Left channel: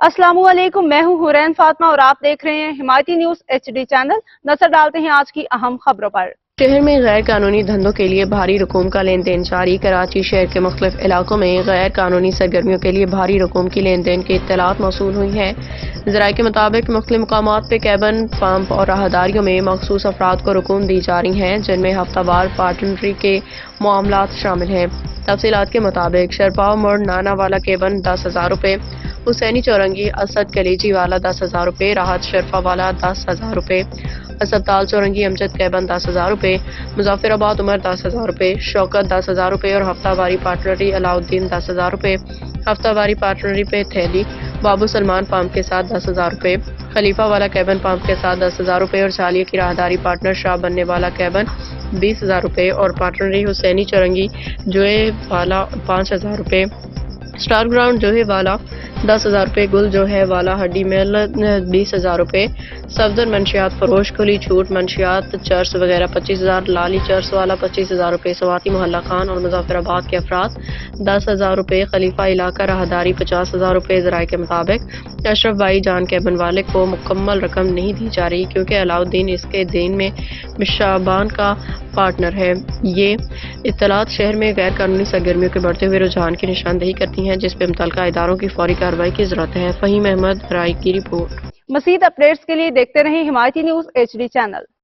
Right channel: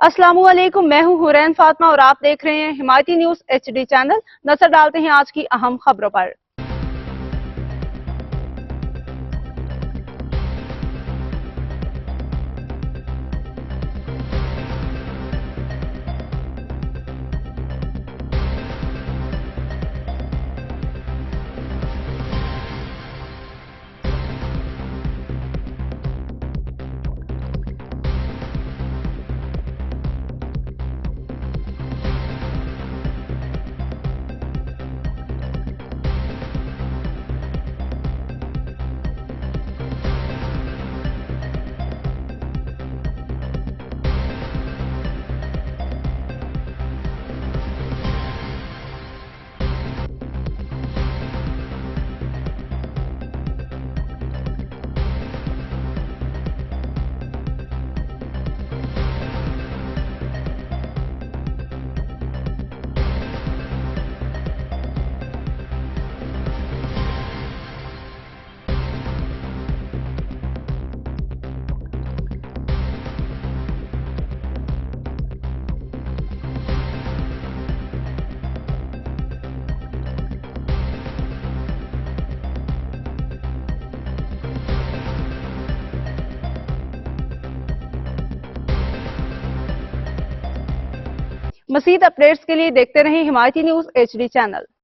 अस्सलामुअलैकुम, मैं हूं हुरैन फातिमा और आप देख रहे हैं हिमायती न्यूज HD चैनल। नजर डालते हैं आज की अहम खबरों पर। शहर में गैर कानूनी धंधों के लिए भारी रकूम का लेन देन जारी। कराची शहर के मुख्तलिफ इलाकों में गैर कानूनी सरगर्मियों के लिए भारी रकूम की लेन देन की इत्तलात मौसूल हुई हैं। ज़राए के मुताबिक मुख्तलिफ मकामात पे कैबन, पंप और राहदारियों में मखसूस अफराद को रकूम दी जा रही हैं, जिनमें हफ्तावार पार्टनरी के मामलात शामिल हैं। तफसीलात के मुताबिक शरपाव मोड़ नाना वाला केबन 10,000 रुपये, हुसैनी चौरंगी असद कलेजी वाला 10,000 रुपये, राहत शरफा वाला 10,000 रुपये, अस्पताल चौरंगी अमजद कैबन 10,000 रुपये, मुजफ्फराबाद उमर 10,000 रुपये, शौकत 10,000 रुपये और हफ्तावारी पार्टनरी अलाउद्दीन 10,000 रुपये, हफ्तावारी पार्टनरी पे थैली बाबू सलमान पंप के साथ 10,000 रुपये, खलीफा वाला कैबन पंप के साथ 10,000 रुपये और चालिया की राहदारी पार्टनर शाह बनने वाला कैबन 20,000 रुपये और पार्टनरी हुसैनी चौरंगी जोए वाला 5,000 रुपये, स्टार ग्राउंड जो है वाला 10,000 रुपये, गुल जो है वाला हड्डी मेल 20,000 रुपये, सफदर मंशियात फरोश, खुली छूट मंशियात चर्च वगैरह 25,000, लाली चर्च वाला 25,000 रुपये, सवाती मोहल्ला खान और मुजफ्फराबाद के अफराद 10,000 रुपये, खलीफा इलाका राहदारी 50,000 रुपये। ज़राए के मुताबिक अशरफ भाई जान कैबन वाले को मुकम्मल रकम नहीं दी जा रही, क्योंकि अलाउद्दीन इसके दिन में शाबान का पार्टनर है। ये इत्तलात शहर में गैर कानूनी सरगर्मियों के बढ़ते हुए रुझान की निशानदेही करती हैं, जिस पर मुतल्लिका इदारों की फौरी कार्रवाई की जरूरत है। फहीम अहमद राय की रिपोर्ट। मज़ीद अपडेट्स के लिए देखते रहें हिमायती न्यूज HD चैनल।